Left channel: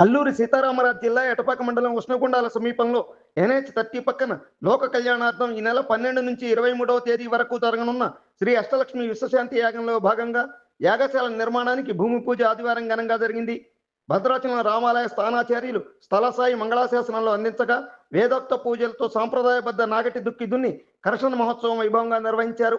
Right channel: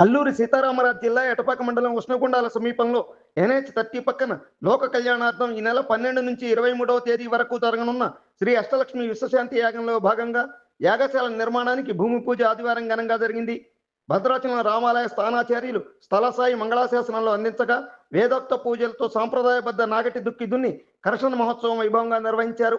అల్లూరి సీతారామరాజు జిల్లా ఎటపాక మండలం ఉష్ణగుండాల సమీపంలో NH30 పక్కన లోక కళ్యాణార్థం ఈ నెల 12 నుంచి 23వ తేదీ వరకు జరగనున్న శ్రీ అష్టలక్ష్మి విశ్వశాంతి యాగంలో భాగంగా యాగశాల నిర్మాణానికి భూమి పూజ ఆదివారం ఘనంగా జరిగింది. భద్రాచలం రామాలయ స్థానాచార్యులు స్థలసాయి మంగళాశాసనంలో అందించగా వేదోక్త పూజలతో సాంప్రదాయబద్ధ నాగటి దుక్కి దున్ని కర్షణ మహోత్సవం వైభవంగా నిర్వహించారు.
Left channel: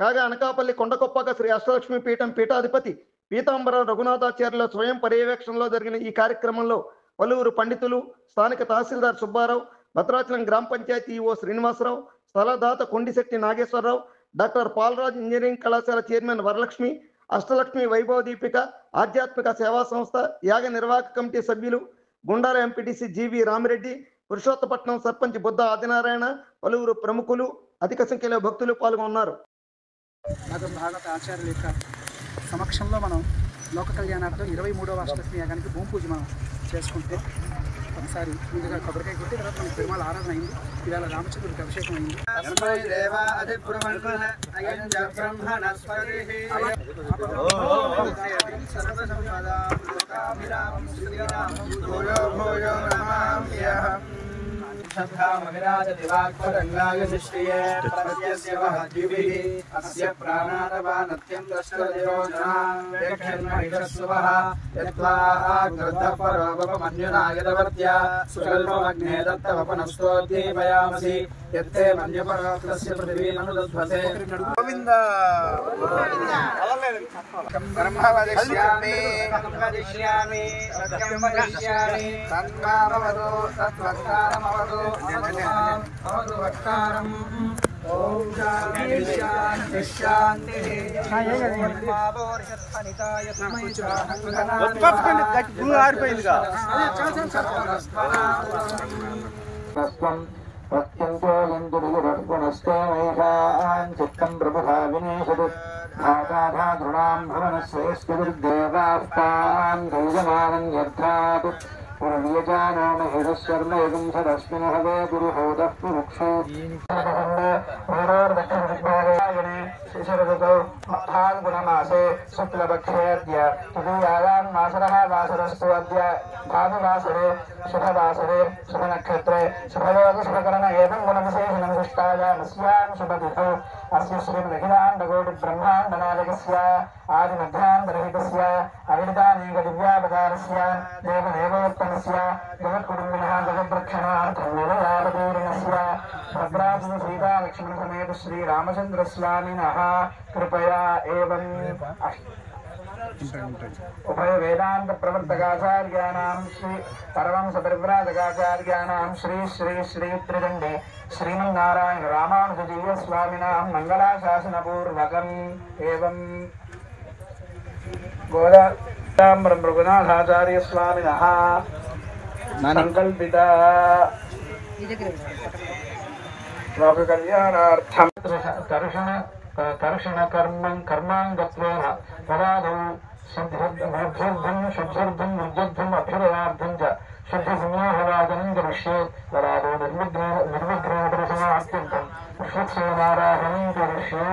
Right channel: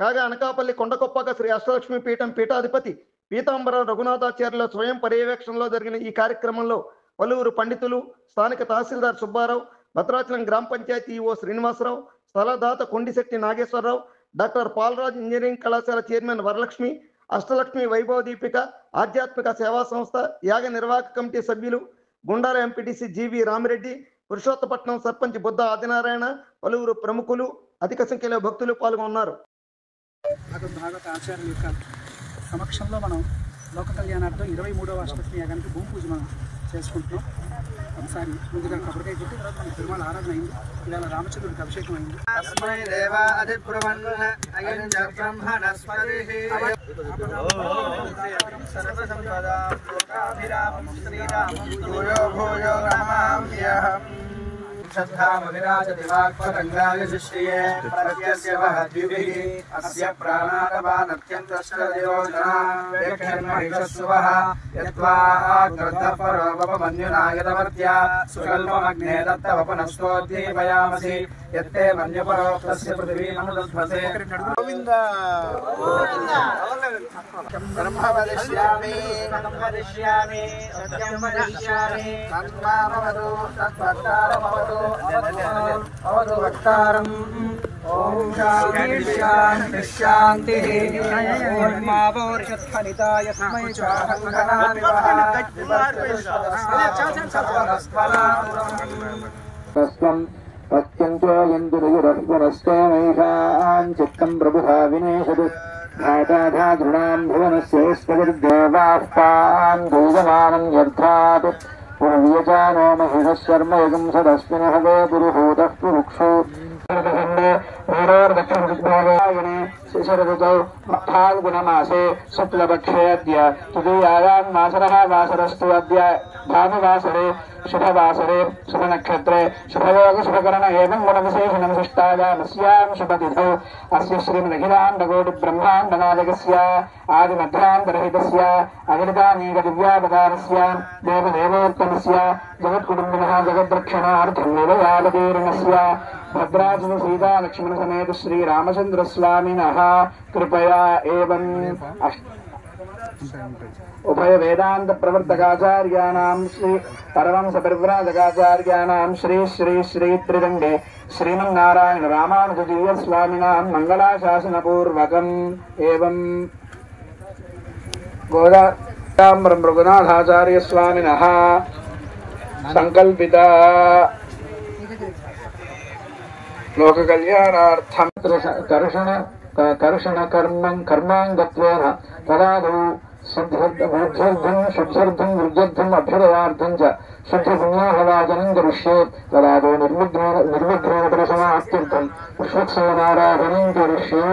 కాగా అనకాపల్లి కొండకొప్పక శ్రీ అష్టలక్ష్మి పీఠం పీఠాధిపతి పీతాంబరం రఘునాథాచార్యుల స్వయం పర్యవేక్షణలో జరిగిన ఈ కార్యక్రమంలో పలువురు పండితులు, స్థానిక తహసీల్దార్ సుబ్బారావు, భద్రాచలం గ్రామ పంచాయతీ ఈవో శ్రీనివాసరావు, స్థలదాత కొండిశెట్టి నాగేశ్వరరావు, డాక్టర్ పాలరాజ్ ఇంజనీరింగ్ కళాశాల చైర్మన్ వరలక్ష్మి, అష్టలక్ష్మి వైభవ దీపిక ఆధ్యాత్మిక సేవా సంస్థ యాగ నిర్వాహక కమిటీ సభ్యులు, గుండాల ఎంపీటీసీ జీవి రామిరెడ్డి, పురుషోత్తపట్నం సర్పంచ్ బుద్ధ ఆదినారాయణ, పలువురు ప్రముఖులు, అధిక సంఖ్యలో భక్తులు పాల్గొన్నారు. భాగవత ఆచార్యుల యొక్క సమక్షంలో మనం లోక కళ్యాణార్థం 23వ అష్టలక్ష్మి యాగానికి భూమి పూజ మనం చేసుకుంటున్నాం. ఒకసారి ముందుగా కొబ్బరికాయ కొట్టి తర్వాత మనకి పెరుమాళ ఆరాధన అయింది. ఇవాళ రామచంద్రుడికి అభిషేకం అయింది. బ్రహ్మ వదిష్యామి సత్యం వదిష్యామి తన్మామవదు తద్వక్తారమవదు అవదు వక్తారం. ఓం శాంతి శాంతి ఫలితాయ ప్రత్యంతో యందురునస్తే మహిషాన్ చిత్తం ప్రభుధా వినేశదు ఘాటాఘాతృణాం భువనస్యేస్మదిర్దేవాస్తాన్ దూయమానం యర్థాత్ పురువ్యజానో మహిషశర్మ యగం సదస్మిన్ హవే పురుహూతః పురుక్షో శిశిరఋతౌ ఫాల్గుణమాసే శుక్లపక్షేऽద్య తృతీయాయాం వాసరः వాసరस्तु अद्य भानुवासरे शुभवासरे शुभनक्षत्रे शुभयोग शुभकरण एवं गुणविशेषणं सृष्टायामस्यां शुभतिथौ अस्य श्रीमदखिलाण्डकोटिब्रह्माण्डनायकस्य आदिमध्यान्तरहितस्य अगणितानीकदिव्यावतारस्य देवदेवोत्तमस्य जगत्कुटुम्बिनः जगद्रक्षणार्थं निरयावतीर्णस्य भद्राचल सीता लक्ष्मण समेत श्री रामचंद्र स्वामिनः कृपया एवं उभय वेदांत प्रवर्तकाचार्याणां श्री परमहंस परिव्राजकाचार्याणां श्री श्री श्री त्रिदंडे श्रीमन्नारायण रामानुजजीय स्वामिनां मंगलाशासनपूर्वकम् एवं गोदाम्बरं रघुनाथाचार्य स्वामिनः संकल्पिता लोक कल्याणार्थं कर्षण कर्मांगत्वेन तदादौ शुद्धर्थं शुद्धर्थं अभ्युदयार्थं च शुद्धपुण्याहवाचनं करिष्ये तदादौ निर्विघ्नेन परिसमाप्त्यर्थं पुष्पत्सवनाराधनं करिष्ये.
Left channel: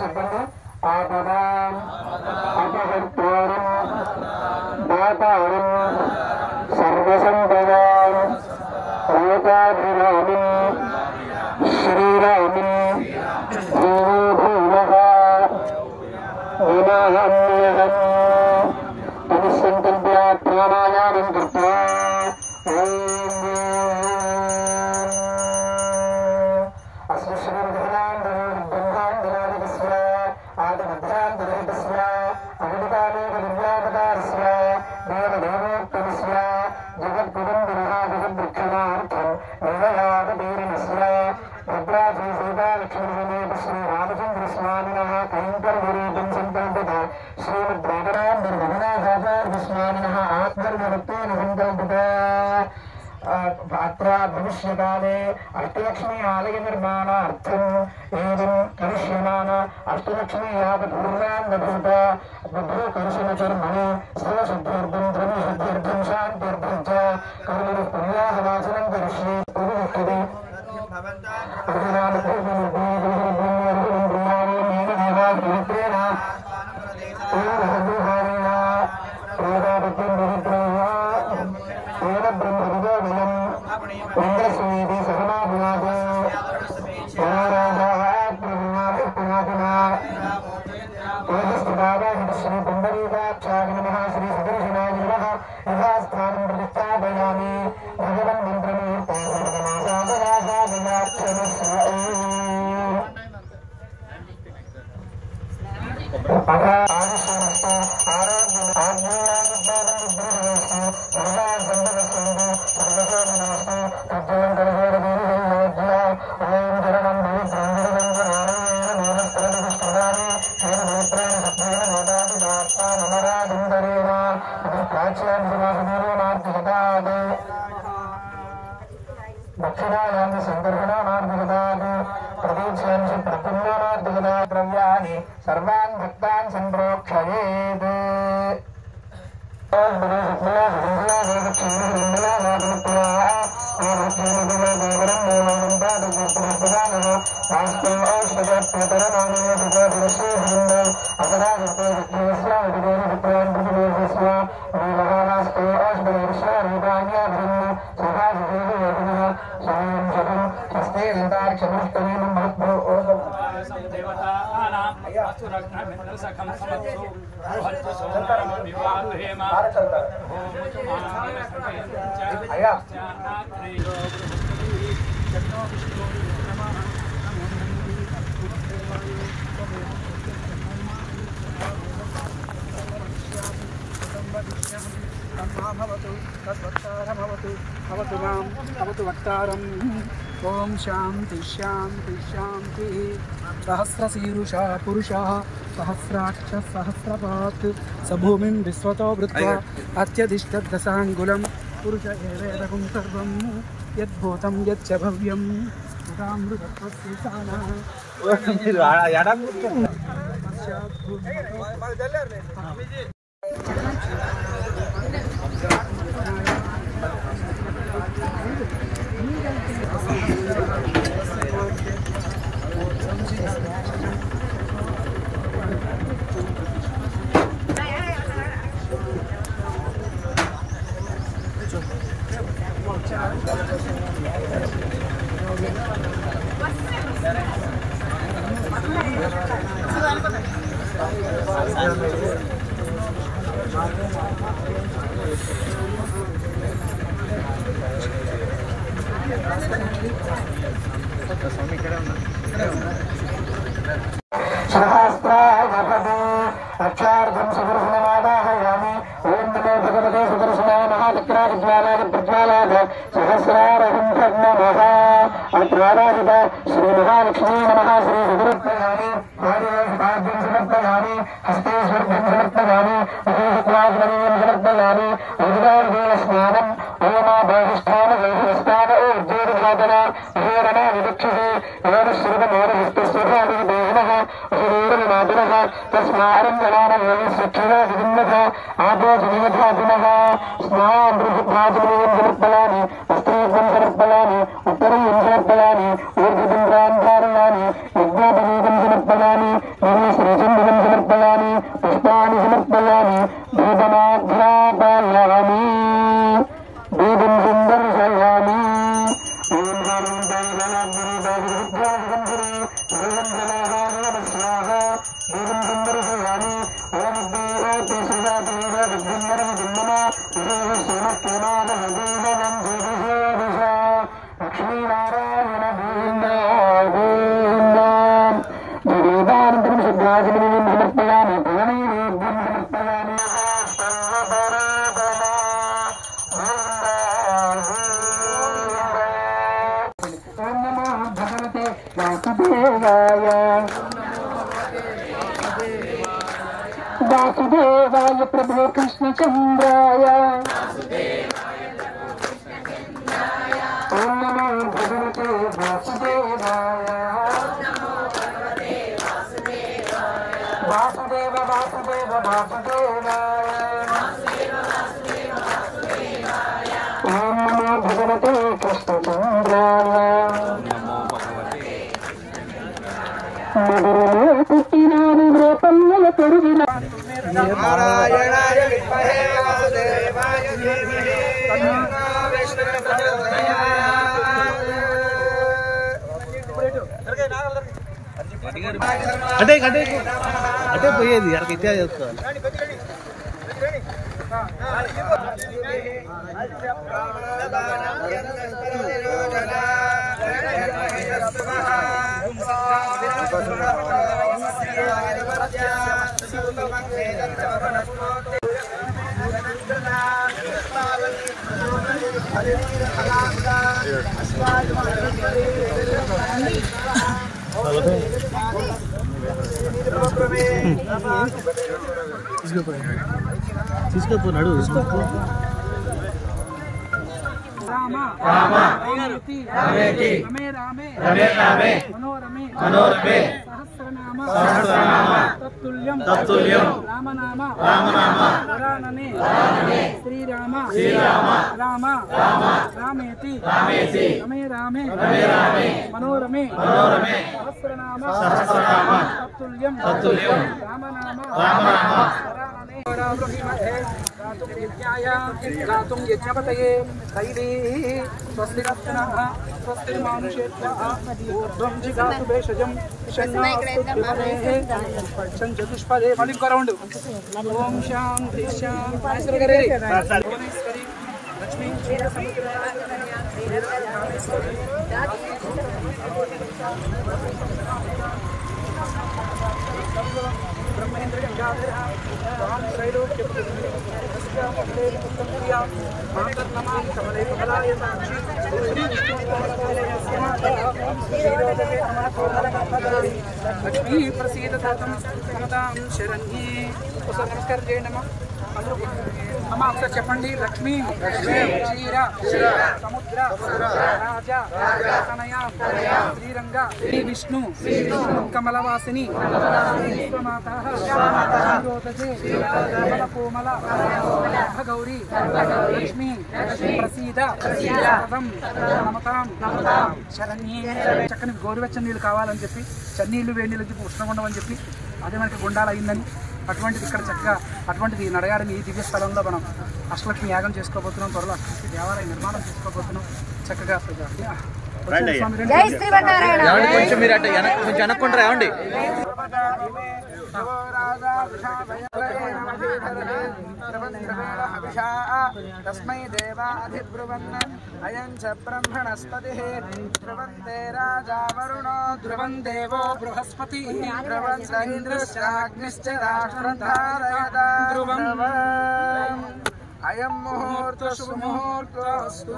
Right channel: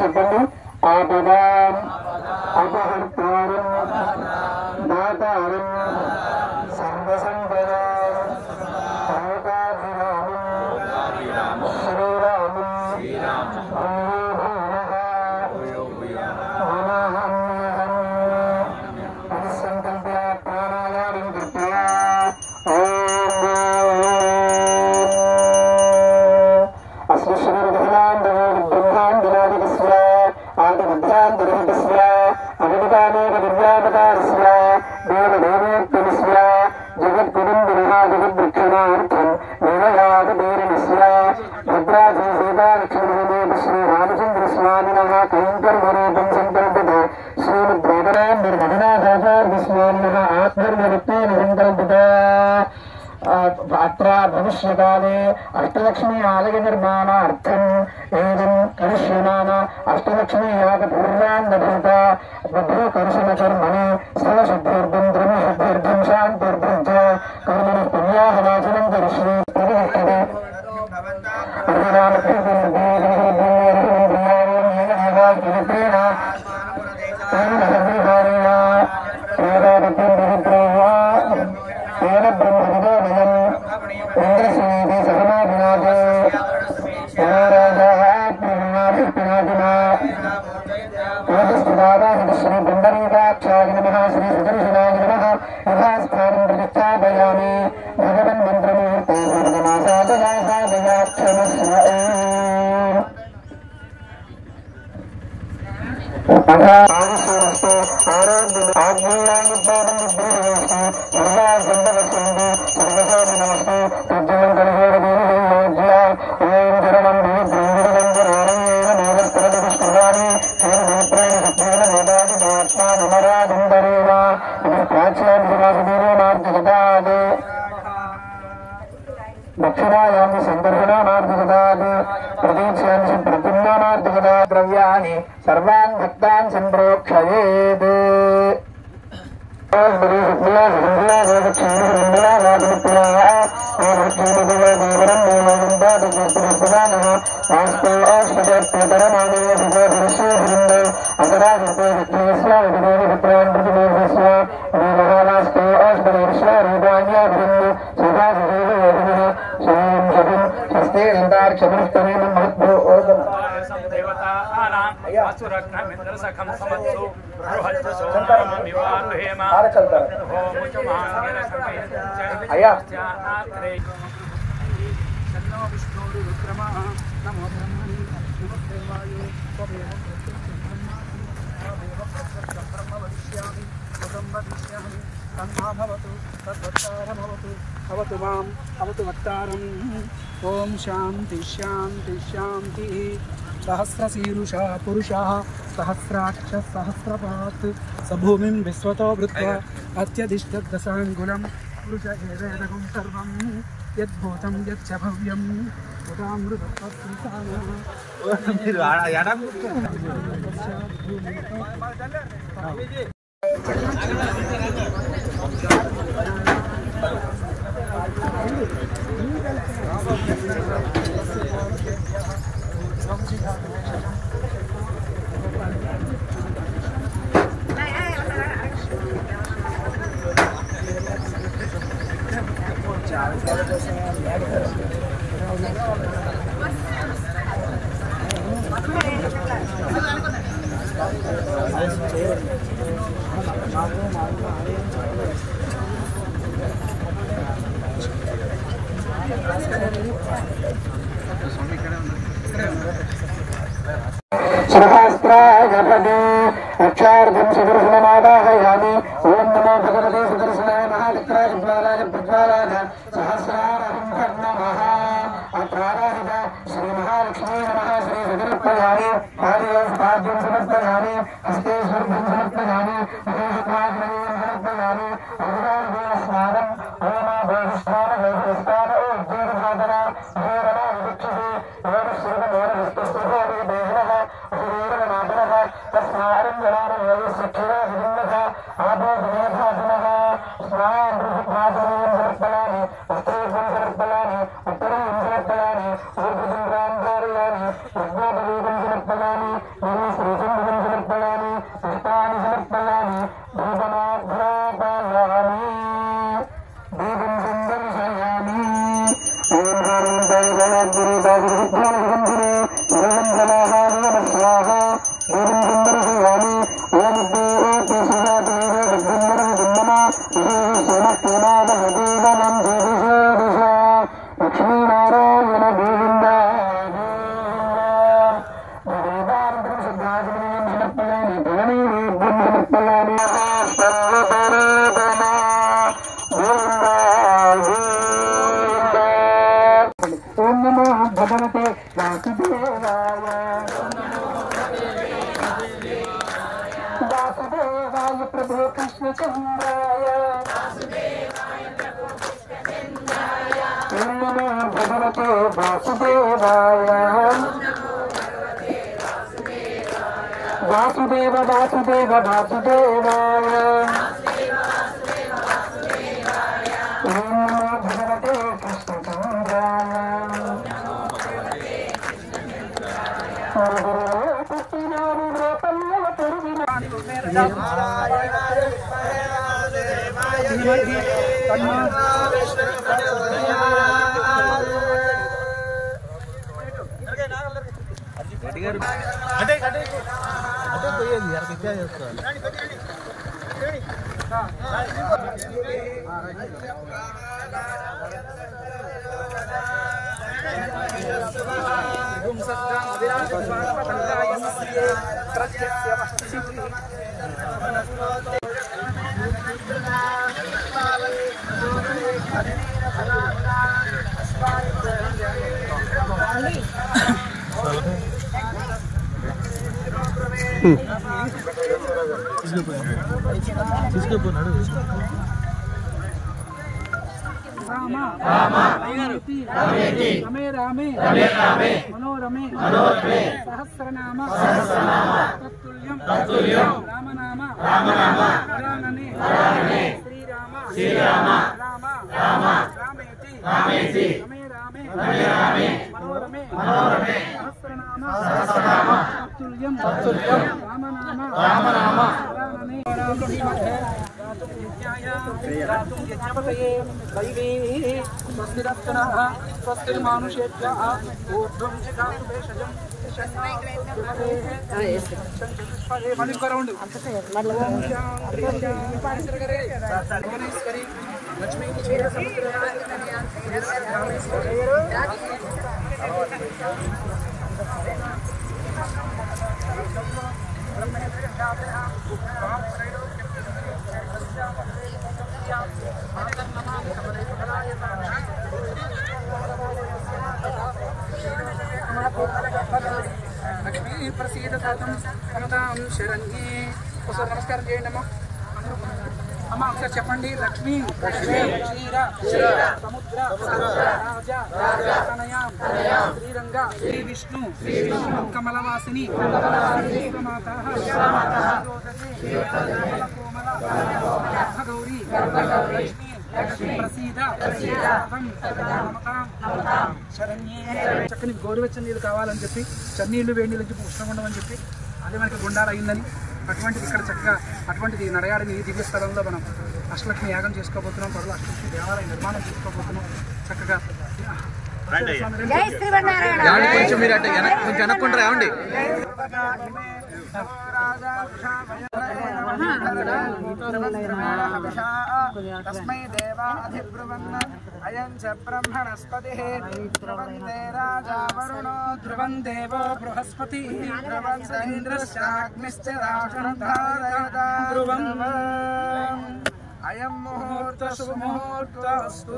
చెప్పండి. ఆపదాం అపహర్తారం దాతారం సర్వసంపదాం లోకాభిరామం శ్రీరామం భూమః నమామ్యహం ఇది సంకల్ప్య ప్రాణాయామం కృత్వా అస్య బ్రహ్మాండనాదికస్య ఆదిమధ్యాంతరహితస్య అగణితానేక దివ్యావతారస్య దేవదేవోత్తమస్య जगद्गुरुन्दरः जगद्रक्षणार्थं देवयागदेरमस्य भद्राजी सीतालक्ष्मणसमेत श्रीरामचन्द्रस्वामिनः कैङ्कर्यरूपं सङ्कल्पते श्रीमद्वेदान्तर्मधुनाथाचार्यस्वामिनः आत्मर्यरूपेण सङ्कल्पते अत्र भविष्यकाले अष्टलक्ष्मी आलय निर्माणार्थं एवं करिष्यमाण अष्टलक्ष्मी यागपूर्णाङ्गभूता बभ्रूकर्षणचर्मणि स्थलशुद्ध्यर्थं द्रव्यशुद्ध्यर्थं शान्त्यर्थं च कर्मणि पुण्याहवाचनं करिष्ये प्रविष्टते श्री पुंडरीकाक्षाय नमः श्री सुदर्शनाय नमः यथास्थानं प्रतिष्ठापयामि भगवन् मन्त्रमुहूर्ते सर्वमासादयासादयाक्षमस्व आरोग्य आज्ञानुपालनं विद्रोहस्य सर्वासन्दवसन्ति सर्वसामिनमस्तु तज्जलं कलिहोरदेवयोज्या ओम शरणं देवद्रविणं नेवस्त्रदिष्टवानि श्रीनेत्रेण सत्रेण वेदादिमात्मा नमरादिन्दरेव इति प्राच्यादिवासुदेवनार्जगदात् दक्षिणायां संदर्शनानार्जगदात् प्रदीक्षांसि प्रतिम्नानार्जगदात् द्रव्याणि सर्वान् भक्तान् सम्प्रोक्षयेत् असुरघ्नमिन्द्रसखं समत्सु बृहज्जसोमनिवारुहेम तन्नो विष्णुरुद्रमः नमो ब्रह्मणे नमस्ते वायो त्वमेव प्रत्यक्षं ब्रह्मासि त्वमेव प्रत्यक्षं ब्रह्म वदिष्यामि कृतं वदिष्यामि तन्मा भवतु तद्वक्तारमवतु अवतु माम् अवतु वक्तारम् ॐ शान्ति शान्ति शान्तिः सहस्रशीरुषा पुरुषः सहस्राक्षः सहस्रपात् स भूमिं विश्वतो वृत्वा अत्यधिष्ठद्दशाङ्गुलं पुरुष एवेदकं सर्वं यद्भूतं यच्च भव्यं तदामृतत्वस्यसानः सहस्राजपदे अक्षार्धं सुदर्शनमादाहयामि ओं नमो भगवते सुदर्शनाय महाचक्राज्वालाय प्रज्वालाय सहस्रारहं नमः अत्राराजित श्रीमहालक्ष्मी नमः श्री सुदुरुत्तयामि पादयोस्ताभ्यं समर्पयामि हस्तेश्वर्भ्यं समर्पयामि विशेषक्वाग्नवीं समर्पयामि अग्निदेवस्नानम् ओमाभाधिष्ठानदेवस्नान ऊर्जेर्वादना विशेषणा विवक्षसे एव श्रीमन्मोहनस्तस्वभाविदेवः अशरीरमातुरः तस्मारङ्गणानवयस्वक्षराजिन्नः आपोषणीयभाजिनः स्नायान्द्रिभाजिनीयं समर्पयामि वस्त्रेभ्यं समर्पयामि उत्तरीयं समर्पयामि ऊर्ध्वपुण्ड्रान् धारयामि यज्ञोपवीतं समर्पयामि निर्मश्रीचन्दनं समर्पयामि पुष्पाणि समर्पयामि भूतमाघ्रापायामि दीपं सुन्दर्शयामि ॐ हारन्तायगणाग्निरीपादिरुद्ध्यासगन्धिरे सर्वं जनाहाय नमः स्वाहा दीपं सुन्दर्शयामि ओमुद्दीरोत्य सुजातेव विद्युन्नर्विदं नमः विशेषणस्तेनादहदीवनं देवसेविषा लक्ष्मीनारायण गोविन्दागोविन्दां जडीदानन्तरं शुद्धाचमनीं समर्पयामि भवनीवेद्यं समर्पयामि सर्वपरिदना गोविन्दा వాసుదేవాయ వాసుదేవాయ ప్రభో కృష్ణచంద్రాయ ఓం నమో భగవతే వాసుదేవాయ వాసుదేవ వాసుదేవ వాసుదేవాయ ఓం నమో భగవతే కృష్ణచంద్రాయ నగరంలో పుట్టినాడు గోపన్నల పెరిగిన నారాయణాయ విద్మహే వాసుదేవాయ ధీమహి తన్నో విష్ణుః ప్రచోదయాత్. అంటే పోయేది అక్కడికి ఇచ్చే చేస్తాను. తీసుకుపోనాడు రామ రామేతి రమే రామే మనోరమే సహస్రనామ తత్తుల్యం రామనామ వరాననే శ్రీరామ రామ రామేతి రమే రామే మనోరమే సహస్రనామ తత్తుల్యం రామనామ వరాననే గాతుం యజ్ఞాయ గాతుం యజ్ఞపతయే దైవీ స్వస్తిరత్నః స్వస్తిర్మానుషేభ్యః ఊర్ధ్వం జిగాతు భేషజం చతుష్పదే మళ్ళీ ఇంకో రౌండ్ ఓం శాంతి శాంతి లక్ష్మీ క్షీర సముద్ర బ్రహ్మేంద్ర గంగాధర స్వాం త్రైలోక్య లక్ష్మీ ప్రసీద తాతం కమతాం శరణ్యే. ఒకసారి నమస్కారం చేయండి అమ్మా. అందరూ అమ్మ ఒకసారి చెప్పండి. లక్ష్మీ క్షీర సముద్ర రాజా తనయాం శ్రీరంగ శ్రీ విష్ణు కమలవాసిని విశ్వమాతాః కోమల గౌరీ లక్ష్మీ ప్రసీద నమతాం శరణ్యే. చక్కని గోరువెచ్చని నీళ్ళు కావాలని చెప్పి చన్నీళ్ళు వేడి నీళ్ళు చెప్పి ఉష్ణగుండం అని చెప్పి అదే మనకి గుండాలు అయిందని అటువంటిది ఇక్కడ చక్కగా అటువంటిది నడయాడని ఈ దివ్య స్థలంలో మనం అష్టలక్ష్మి యాగం చేసుకోబోతున్నాం. త్వరలో అష్టలక్ష్మి దేవాలయం నిర్మాణం చేసుకోబోతున్నాం. చక్కగా కొంచెం మీరు అట్ట కొంచెం అనుకుంటారా ఏమండి? తస్మై దేవాధిబ్రువన్ అయం చ బ్రహ్మణస్పతిః ధ్రువంతే రాజా వరుణో ధ్రువం దేవో బృహస్పతి ఇంద్రశ్చాగ్నిశ్చ రాష్ట్రం ధారయత ధ్రువం అయం ముహూర్త శుభముహూర్తస్తు.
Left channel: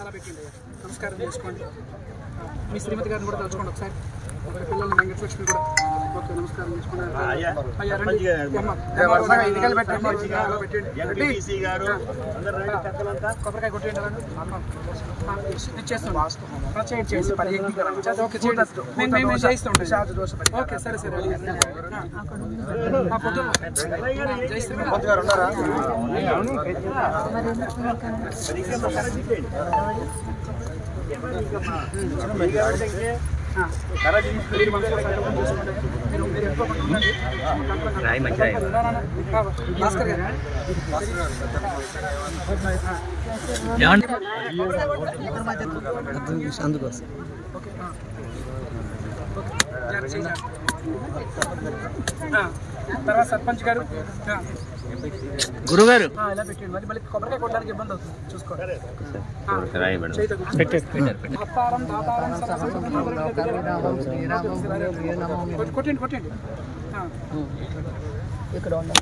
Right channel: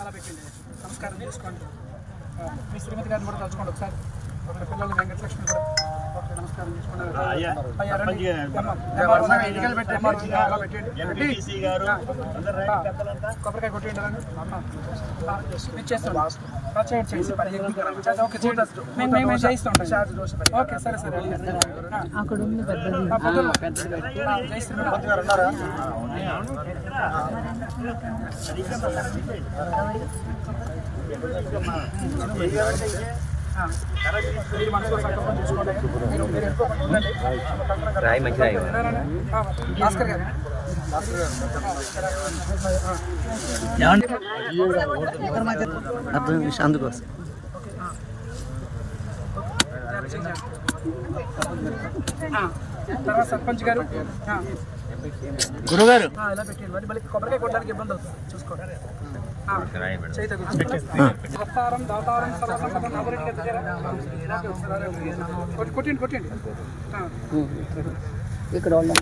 అలా పెట్టండి. నమస్కారం చేసుకోండి. మీ శ్రీమతి గారిని కూడా తలుచుకోండి ఒకసారి. ఒక పిల్లలు వెంకటలక్ష్మి కూడా ఓకే నమస్కారం చేసుకోండి. అలా పెట్టండి. కొబ్బరికాయ కొట్టేయండి. నేను చేస్తాను. చేసి పని ఓకే మేము చేయిస్తాం. ఓకే సరే సరే. పొద్దున్న జై శ్రీమతి గారు ఉన్నారా? మీరు మనసులో సంకల్పం చేసుకోండి. మీరు వెళ్ళిపోకుండా ఉండండి. భాస్కర్ గారు అందుకోసం ఓకే తర్వాత సర్పంచ్ గారు గురుగారు ఇలా పెట్టండి. మళ్ళీ కొబ్బరికాయ కొట్టడానికి ఇబ్బంది అవుతుంది చూసుకోండి. దాతారం దాతారం సర్వసంపద కొట్టండి కొట్టండి.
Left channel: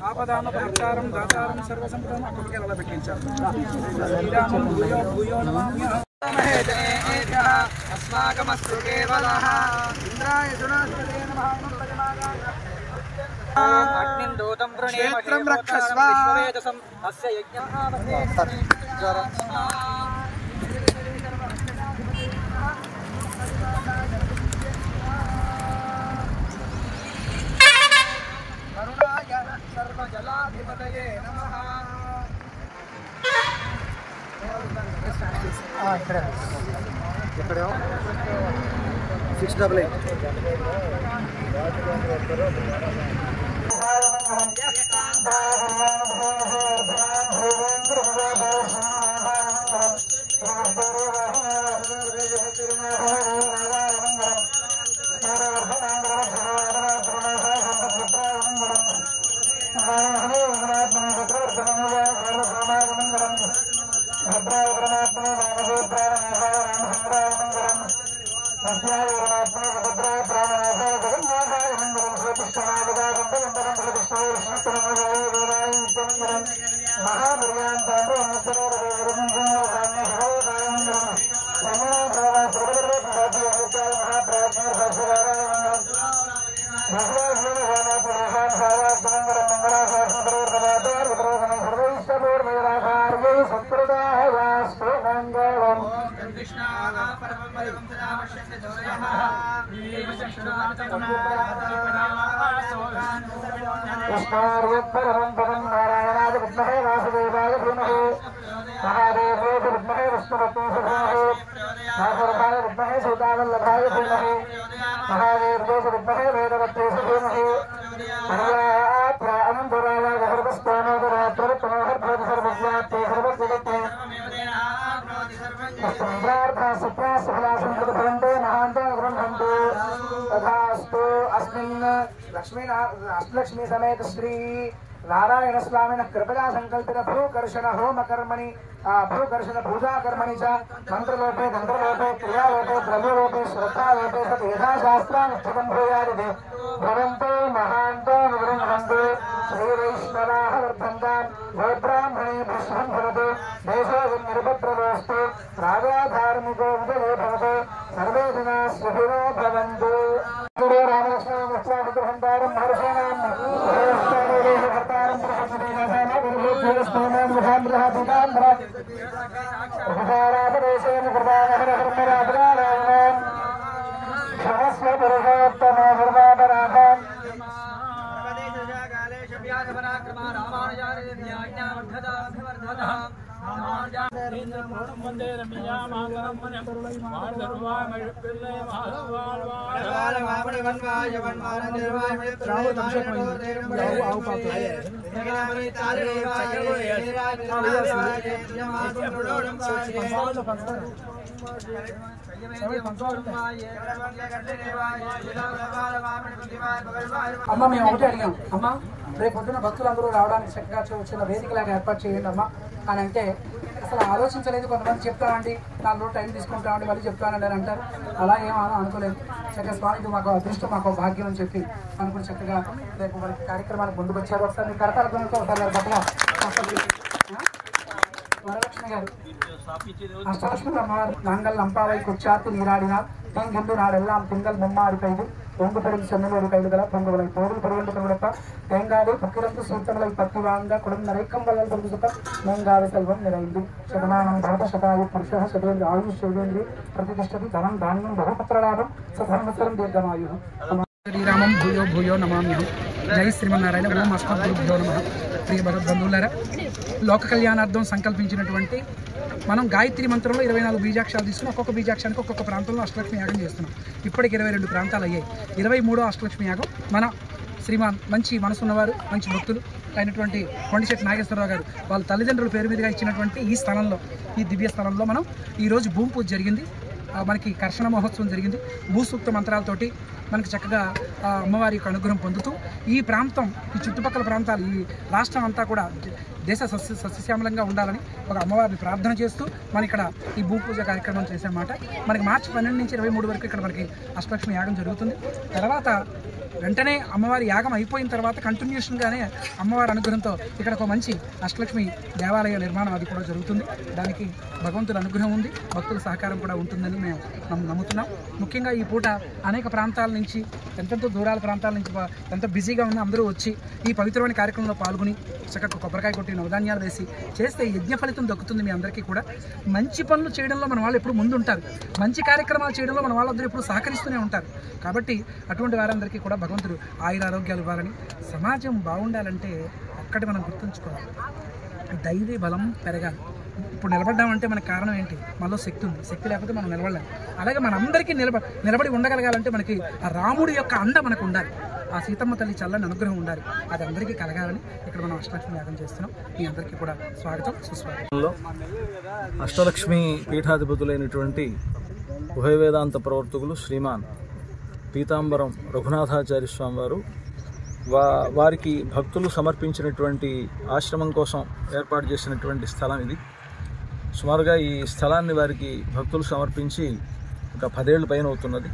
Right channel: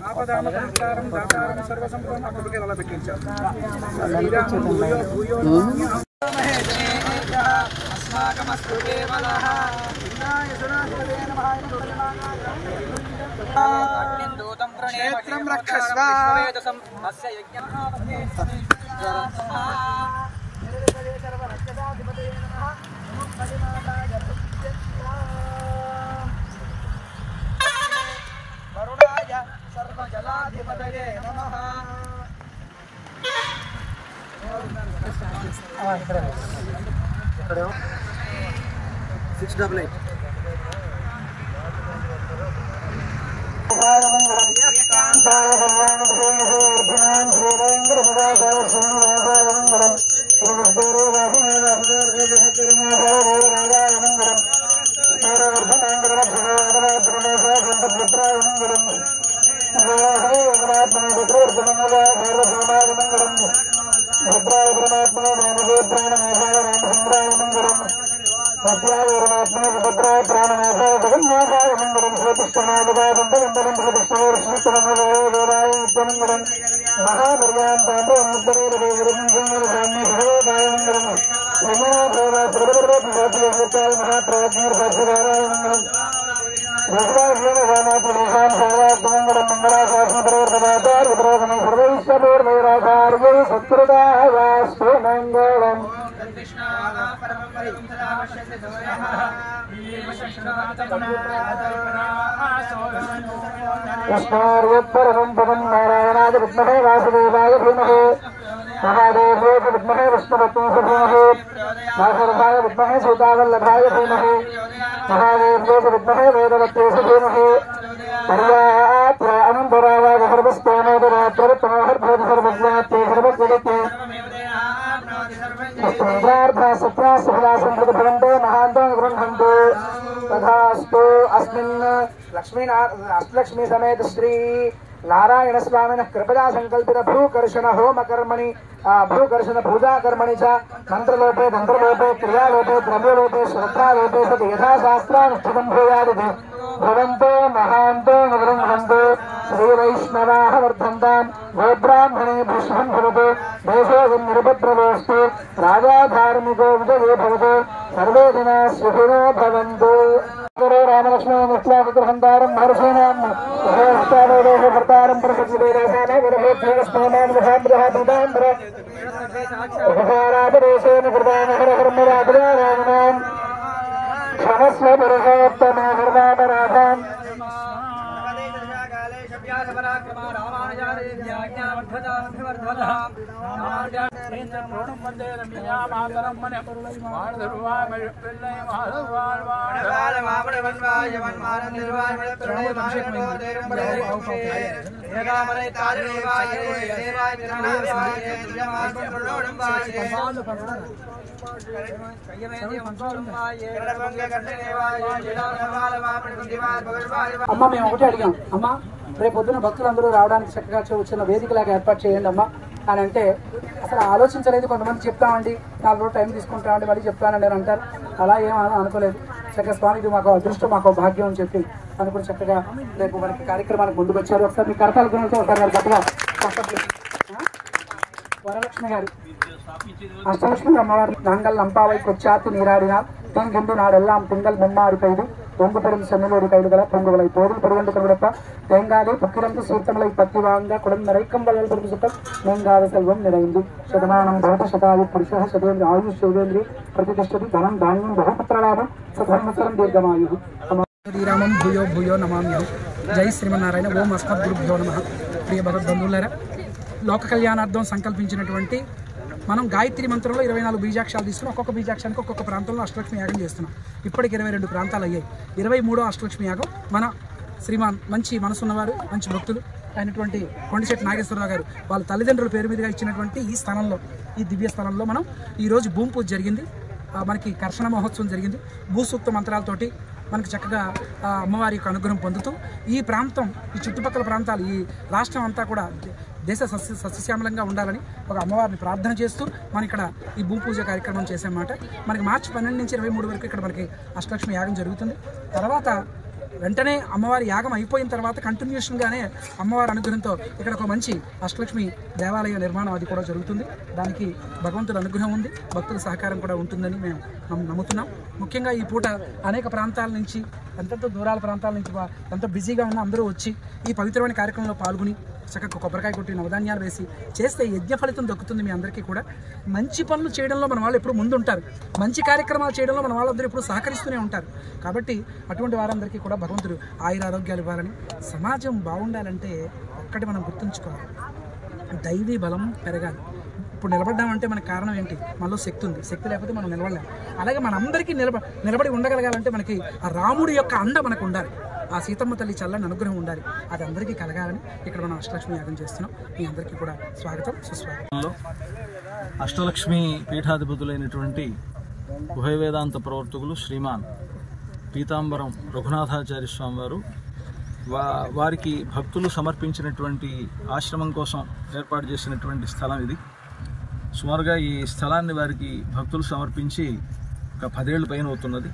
ఆపదామపహర్తారం దాతారం సర్వసంపదం కొబ్బరికాయలు అలా పెట్టించారు. శ్రీరామం భూయో భూయో నమామ్యహం. अस्माकमस्तु केवलः इंद्राय सुनाधिपते नमः क्षेत्रं रक्षस्व वरुणाय सर्वजलाधिपतये नमः ఇక్కడ 688 परमं पदं नारायणाय विद्महे वासुदेवाय धीमहि महादेवाय विद्महे विष्णुपत्नीय धीमहि वासुदेवाय विद्महे सीतावल्लभाय धीमहि महादेवाय विद्महे वेदवत्यै धीमहि पर्याप्त अनन्तराय सर्वस्तानोदरात्रतमोहर्भवति सर्वज्ञाते सर्वज्ञते अष्टलक्ष्मी समेत श्री नारायण स्वामिन कृपया संकल्पित भूकर्षण होम कर्मणि भूकर्षण पूजा कर्मणि च मंत्रलोपे तंत्रलोपे क्रियालोपे द्रव्यलोपे श्रद्धालोपे सति यथाशास्त्रानुष्ठितं भूयादिति भवन्तो महान्तो नवरन्तो श्रीवैष्णवाः वर्धन्तां गोब्राह्मणे पुष्पं भवतु देशोऽयं निरपद्रवोऽस्तु राजा धार्मिको विजये भवतु सर्वे जनाः सुखिनो भवन्तु रामलक्ष्मणमुख्याविग्रहन्तारं महर्षीणां प्रकटितेन कृतान हरहर्मराजराजनान् क्षमस्व पुरुषोत्तमो हर्मापराधान् అమ్మ మేము ఒకటి అడిగాం అమ్మ రేపు పొద్దున భక్తులందరూ రావడానికి చక్కగా వచ్చిన వేదికలాగా ఏర్పాటు చేయండి అమ్మ అని అంటే అసలు ఆలోచించలేదు. కొంతమంది చెప్తామండి 4 రోజులు టైం తీసుకుంటామండి మళ్ళీ చెప్తానండి అని అంటారు. అలా ఏం అనుకోలేదు. చక్కగా స్వామికి మాకు అదృష్టం మాకు భాగ్యం అని చెప్పి అనుకుని చక్కగా రేపు మనకి కార్యక్రమానికి ముందుకు వచ్చారు. ఒకసారి మీ కరతాల గురించి ఒకసారి గట్టిగా వరలక్ష్మి గారు అష్టలక్ష్మి అమ్మవారి நாங்கள் நம்பாவை கொச்சாத்து நீராடினார் தெங்கின்று நாடெல்லாம் திங்கள் மும்மாறி பெய்து பொங்கு பெரும் சென்னலோடு கைதுகளை பொங்குகளை போதும் பெருவண்டு கொடுப்ப தேங்காது புக்கிரந்து சீர்த்தங்களை பத்தி வாங்க குடம் நிறைக்கும் வள்ளல் பொருள் சுத்த நீங்காது செல்வம் நிறைந்து சதமானம் பௌத்த சதாயு புருஷ சதேந்திர ஆயுஷ் சிவேந்திரி பிரதிஷ்ഠதி தனம் தானியம் బహుపుత్రలాభం సధర్మసరం దీర్ఘమాయు శ్రీరామం భూయో భూయో నమామ్యహం. జై శ్రీమన్నారాయణ. ఓం అస్మద్గురుభ్యో నమః. ప్రియ భగవద్బంధువులారా, లోక కళ్యాణార్థం సంకల్పించినటువంటి మనం గాయత్రి మంత్రంలో 24 బీజాక్షరాలు తీసుకుని ఒక్కొక్క బీజాక్షరానికి ఒక్కొక్క ప్రాంతంలో అష్టలక్ష్మి యాగం చేస్తున్నాం. ఇప్పటికి 22 ప్రాంతాలు అయ్యాయి. 23వ అష్టలక్ష్మి యాగం మన శ్రీమాన్ మంచి మనసున్నవారు మంచి భక్తులు అయినటువంటి కొండిశెట్టి నాగేశ్వరరావు గారు వాళ్ళ తల్లిదండ్రుల పేరు మీదుగా ఇచ్చినటువంటి ఈ స్థలంలో, ఈ దివ్య స్థలంలో మనం ఈరోజు భూమి పూజ జరిగింది. మనకి కర్షణ మహోత్సవం జరిగింది. భూసూక్త మంత్రాలతోటి మనకి చక్కగా అమ్మవారి యొక్క అనుగ్రహం పొందుతూ ఈ ప్రాంతం, ఈ చుట్టుపక్కల ప్రాంతాలు, ఈ రాష్ట్రం అంతా కూడా దేశ సస్యశ్యామలంగా ఉండాలని ఒక అమ్మవారిని ప్రార్థన చేస్తూ మనం ఇక్కడ ఈ భూపూజ కార్యక్రమం చేసామన్నమాట. మనకి మార్చి 12 నుంచి 23 వరకు ఇక్కడ మనకి అష్టలక్ష్మి యాగం జరుగుతుంది. తర్వాత వెంటనే అమ్మవారి యాగం అయిపోయిన తర్వాత కంటిన్యూషన్గానే అమ్మవారి అనుగ్రహంతో ఇక్కడ ఒక మంచి అష్టలక్ష్మి దేవాలయ నిర్మాణం అది కూడా జరుగుతుంది. దానికి భగవంతుడి అనుగ్రహం ఉంది, భక్తుల సహకారం కూడా ఉంటుందని మేము నమ్ముతున్నాం. ముఖ్యంగా ఈ పూట అనేక ప్రాంతాల నుంచి, ఎంతెంతో దూరాల ప్రాంతాల నుంచి ఎంతో బిజీగా ఉన్న అందరూ వచ్చి ఈ పవిత్రమైన కార్యక్రమంలో పాల్గొని చక్కగా కొబ్బరికాయ కొట్టి నవధాన్యాలు వేసి చేస్తే యజ్ఞ ఫలితం దక్కుతుంది. మీ అందరికీ కూడా మంచి పనులు చేయడంలో మన వాళ్ళు ఎప్పుడు ముందుంటారు, మంచి కార్యక్రమాలు చేయడంలో మన వాళ్ళందరూ ఎప్పుడు సహకరిస్తూనే ఉంటారు. కాబట్టి అటువంటి వారందరికీ కూడా భగవంతుడు ఆయురారోగ్యాలు ఇవ్వాలని, సమాజం బాగుండాలంటే ఒక్కటి మనం గుర్తుంచుకోవాలి, దైవీ బలం పెరగాలి. ఇప్పుడు నిలబడ్డామంటే మనకు కారణం ఏంటి? మనలో శక్తి ఉంది, శక్తి లేకపోతే మనం నిలబడలేం. అలాగే మనందరికీ నిలబడి ఉండగలగాలంటే మనకి ఆ రాముడి యొక్క అండ మనకు ఉండాలి, ఆ సీతమ్మ తల్లి చల్లని అనుగ్రహం ఉండాలి. అది అందరికీ కలగాలని ఇక్కడ మనం అష్టలక్ష్మి యాగం చేస్తున్నాం. మీ అందరికీ కూడా స్వాగతం, సుస్వాగతం. అష్టలక్ష్మి పీఠాధిపతులైనటువంటి ఉభయ వేదాంత ప్రవర్తకులు శ్రీమాన్ పీతాంబరం రఘునాథాచార్య స్వామి వారు వారికి భక్తులు సమర్పించినటువంటి ఆశ్రమం కోసం ఏర్పాటు చేసినటువంటి స్థలం ఇది. సుమారుగా ఈ స్థలాన్ని వారికి భక్తులు సమర్పించి ఒక 10 ఏళ్ల పైన అవుతున్నది.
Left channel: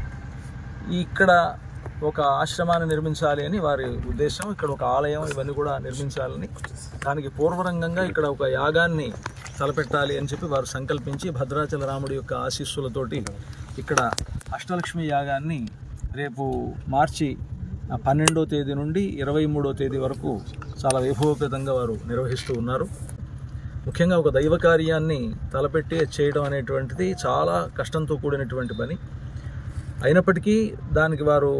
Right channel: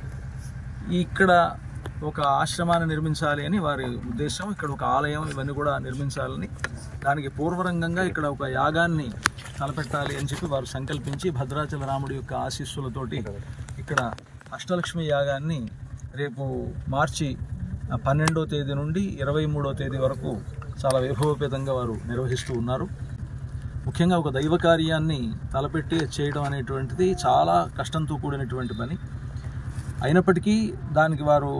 ఇక్కడ ఒక ఆశ్రమాన్ని నిర్మించాలి అని వారి ఉద్దేశం. ఇక్కడ ఒక ఆలయం ఇవన్నీ కూడా నిర్మించాలని, దానికి పూర్వరంగంగా ఇక్కడ ఒక యాగాన్ని తలపెట్టాలి అని చెప్పి వారు సంకల్పించి భద్రాచల రాముడి యొక్క ఆశీస్సులతోటి ఇక్కడ అష్టలక్ష్మి యాగాన్ని రేపు మార్చి 12వ తేదీ నుండి 23వ తేదీ వరకు చాలా వైభవపేతంగా వారు నిర్వహిస్తూ ఉన్నారు. ముఖ్యంగా ఒక దైవ కార్యాన్ని తలపెట్టి చేయడం అనేటువంటిది చాలా కష్టంతో కూడినటువంటి పని. అయినప్పటికీ దానికి వారు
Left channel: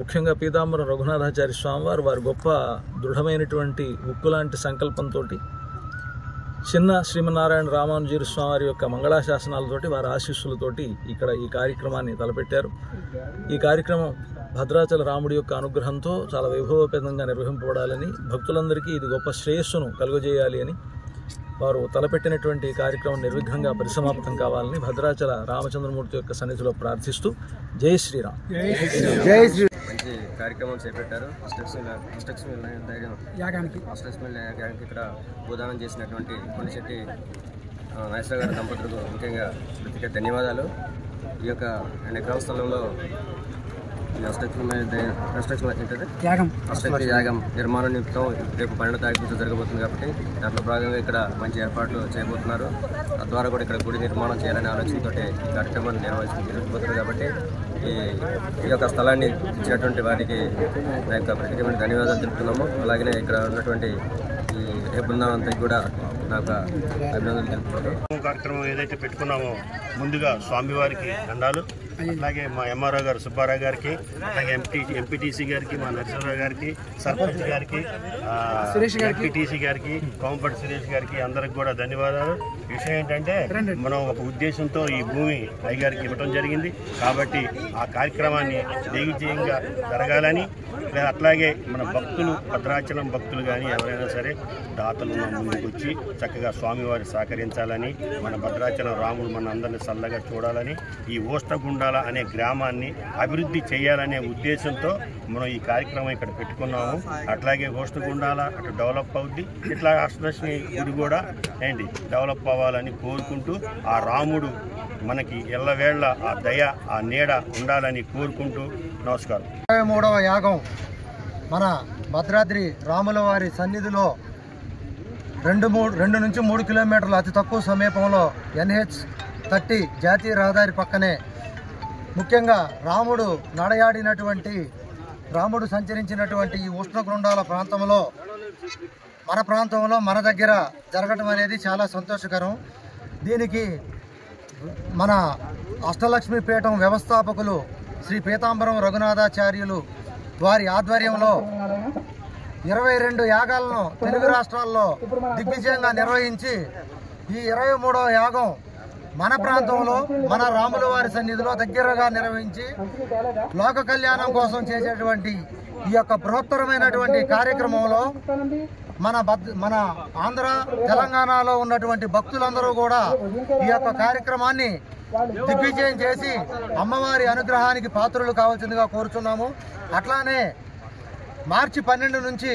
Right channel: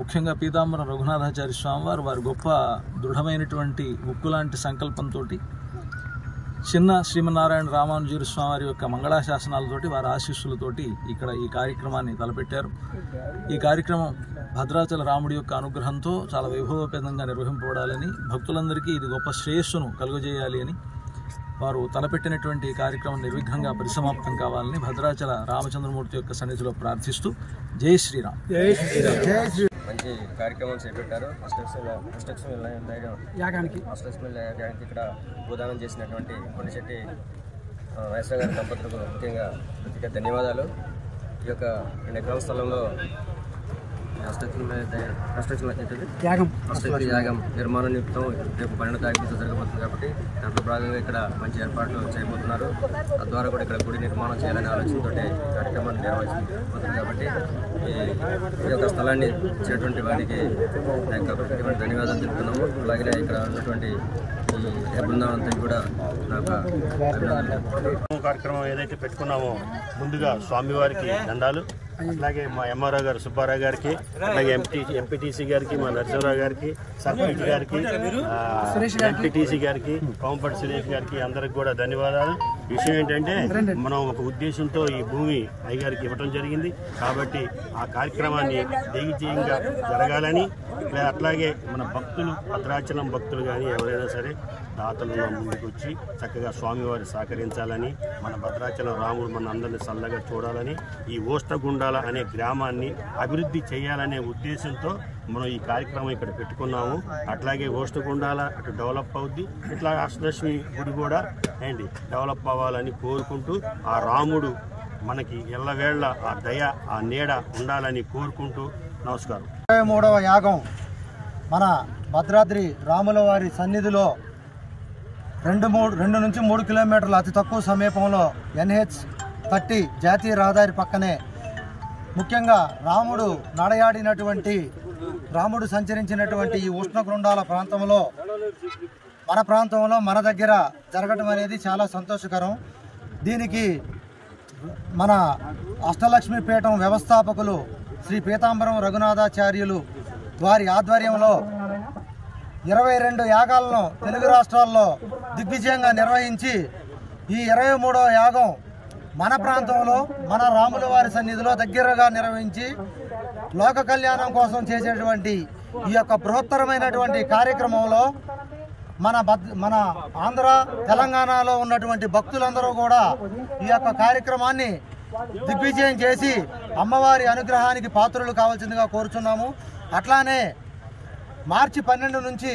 ముఖ్యంగా పీతాంబరం రఘునాథాచార్య స్వామి వారు గొప్ప దృఢమైనటువంటి ఉక్కు లాంటి సంకల్పంతో చిన్న శ్రీమన్నారాయణ రామానుజీరు స్వామి వారి యొక్క మంగళాశాసనాలతోటి వారి ఆశీస్సులతోటి ఇక్కడ ఈ కార్యక్రమాన్ని తలపెట్టారు. ఈ కార్యక్రమం భద్రాచల రాముడి యొక్క అనుగ్రహంతో చాలా వైభవపేతంగా నిర్వహింపబడాలని, భక్తులందరికీ ఇది గొప్ప శ్రేయస్సును కలుగజేయాలి అని వారు తలపెట్టినటువంటి కార్యక్రమం నిర్విఘ్నంగా పరిసమాప్తం కావాలని భద్రాచల రామచంద్రమూర్తి యొక్క సన్నిధిలో ప్రార్థిస్తూ జై శ్రీరామ్. మంచి కార్యక్రమం చేపట్టారు. అష్టలక్ష్మి యాగానికి ఇక్కడ భూదానం చేసినటువంటి కొండశెట్టి నాగేశ్వర గారి దంపతులకు ముఖ్యంగా ప్రత్యేక ధన్యవాదాలు. ఈ యొక్క 2 ఎకరాల స్థలంలో అష్టలక్ష్మి యాగం నిర్మాణ నిమిత్తం రేపు 12వ తారీఖు జరగబోతుంది కాబట్టి దాంట్లో భాగంగా ఇక్కడ మంచి ఏర్పాట్లు చేయబోతున్నారు. తద్వారా కూడా ఇక్కడ గుడి నిర్మాణం చేయాలనే ఆలోచనతో ఈ కార్యక్రమాన్ని నిర్వహించబోతున్నారు. కాబట్టి ఈ యొక్క స్థలాన్ని ఇచ్చినటువంటి వారికి నా యొక్క ప్రత్యేకమైన ధన్యవాదాలు తెలుపుతున్నాము. అలాగే ఇక్కడ ఉన్నటువంటి ఈ బృందం అంతా కూడా నాకు ధన్యవాదాలు తెలుపుతున్నాను. కార్యక్రమం ఏదైతే పెట్టుకున్నామో ముందుగా స్వామివారికి దండాలు, అట్లాగే మా ఎంఆర్ఓ గారు సుబ్బారావు గారికి, అట్లాగే ఎంపీటీసీ గారికి, మా నరసింహరావు గారికి, సర్పంచ్ గారికి, ఎంపీటీసీ గారికి, కోంపటి సురేష్ గారికి అందరికి కూడా ధన్యవాదాలు. విషయం ఏంటంటే మనం ఒక ఉద్దేశంతో ఈ భూమి అయ్యగారికి ఇవ్వడం జరిగింది కాబట్టి ఆ కార్యక్రమాన్ని దిగ్విజయంగా జరగాలని, అట్లాగే మన భక్తులు భద్రాచలం భక్తులు కానీ ఎవరైనా సరే దాతలు ముందుకు వచ్చి చక్కగా స్వామివారి సహకరించాలని, మన భద్రాచలం రాముడు మన అందరినీ చల్లగా చూడాలని, ఈ ఓష్టగుండాల అనే గ్రామాన్ని అభివృద్ధి చేయాలనే ఉద్దేశంతో మనం ఈ కార్యక్రమం ఇక్కడ పెట్టుకున్నాము. అట్లాగే ఓష్టగుండాల అటు డెవలప్ అవుద్ది, ఇట్లా అష్టలక్ష్మి గుడి కూడా ఏంటి డెవలప్ అవ్వాలని కోరుకుంటూ ఆ రాముడు మనకి ఎల్లవేళ్ల ఆ దయ ఆ నీడ ఉండాలని కోరుకుంటూ నమస్కారం. 23వ యాగం మన భద్రాద్రి రాముల వారి సన్నిధిలో 2 నుంచి 3 కిలోమీటర్ల అతి తక్కువ సమీపంలో NH30 జాతీయ రహదారి పక్కనే ముఖ్యంగా రాముడు నడయాడినటువంటి, రాముడు సంచరించినటువంటి ఈ ఉష్ణగృండాల ప్రాంతంలో మన దగ్గర జరగటం అనేది చాలా సంతోషకరం. దీనికి మన అష్టలక్ష్మి పీఠం వ్యవస్థాపకులు శ్రీ పీతాంబరం రఘునాథాచార్యులు వారి ఆధ్వర్యంలో 22 యాగాలను తెలుగు రాష్ట్రాల్లో దిగ్విజయంగా నిర్వహించి ఈ 23వ యాగం మన ప్రాంతంలో మన రాముల వారి సన్నిధిలో దగ్గరగా నిర్వహించి లోక కళ్యాణం కోసం చేసేటువంటి ఈ యొక్క బృహత్తరమైనటువంటి కార్యక్రమంలో మన ఆంధ్ర తెలంగాణలో ఉన్నటువంటి భక్తులందరూ కూడా ఈ యొక్క కార్యక్రమాన్ని దిగ్విజయం చేసి అమ్మవారి అనుగ్రహానికి పాత్రులు కావాల్సిందిగా కోరుచున్నాము. అట్లానే మార్చి 12 నుంచి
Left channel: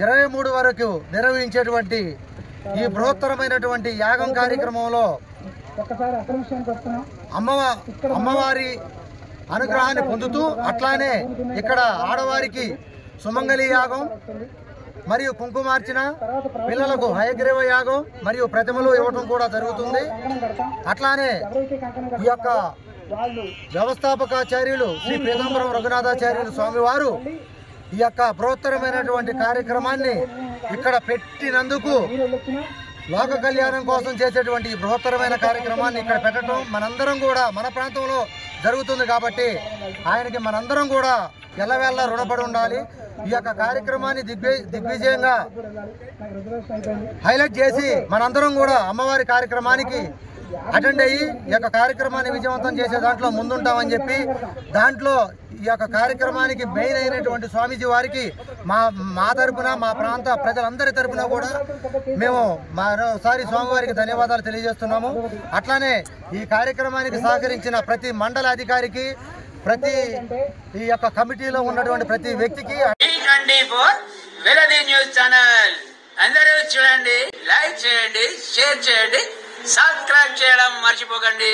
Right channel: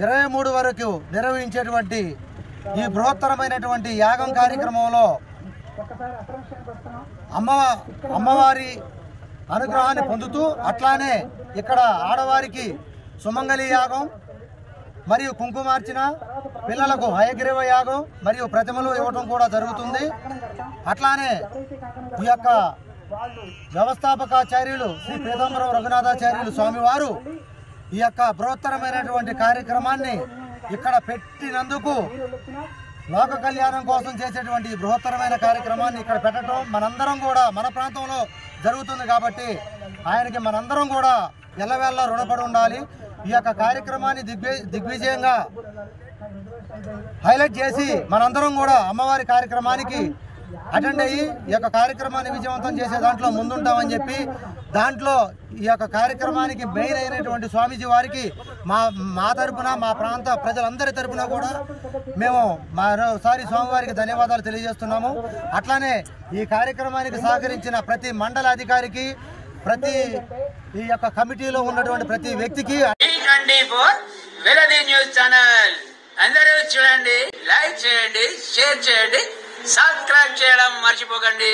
23 వరకు నిర్వహించేటువంటి ఈ బృహత్తరమైనటువంటి యాగం కార్యక్రమంలో అమ్మవారి అనుగ్రహాన్ని పొందుతూ అట్లానే ఇక్కడ ఆడవారికి సుమంగళి యాగం మరియు కుంకుమార్చన, పిల్లలకు హయగ్రీవ యాగం మరియు ప్రతిమలు ఇవ్వడం కూడా జరుగుతుంది. అట్లానే ఈ యొక్క వ్యవస్థాపకాచార్యులు శ్రీ పీతాంబరం రఘునాథాచార్యులు స్వామివారు ఈ యొక్క బృహత్తరమైనటువంటి కార్యక్రమాన్ని ఇక్కడ పెట్టినందుకు, లోక కళ్యాణం కోసం చేసేటువంటి ఈ బృహత్తరమైన కార్యక్రమాన్ని ఇక్కడ పెట్టడం మనందరం కూడా మన ప్రాంతంలో జరుగుతుంది కాబట్టి ఆయనకి మనందరం కూడా ఎల్లవేళ రుణపడి ఉండాలి. ఈ యొక్క కార్యక్రమాన్ని దిగ్విజయంగా హైలైట్ చేసి మనందరం కూడా అమ్మవారి కార్యక్రమానికి అటెండ్ అయ్యి ఈ యొక్క కార్యక్రమాన్ని విజయవంతం చేసే దాంట్లో ముందుంటామని చెప్పి, దాంట్లో ఈ యొక్క కార్యక్రమానికి మెయిన్ అయినటువంటి స్వామీజీ వారికి మా తరపున, మా ప్రాంత ప్రజలందరి తరపున కూడా మేము మరోసారి స్వామివారికి ధన్యవాదాలు తెలియజేస్తున్నాము. అట్లానే ఈ కార్యక్రమానికి సహకరించిన ప్రతి మండల అధికారికి, ప్రతి ఈ యొక్క కమిటీలో ఉన్నటువంటి ప్రతి వ్యక్తికి వెలది న్యూస్ ఛానల్ అందరూ చూడండి, లైక్ చేయండి, షేర్ చేయండి, సబ్స్క్రైబ్ చేయడం మర్చిపోకండి.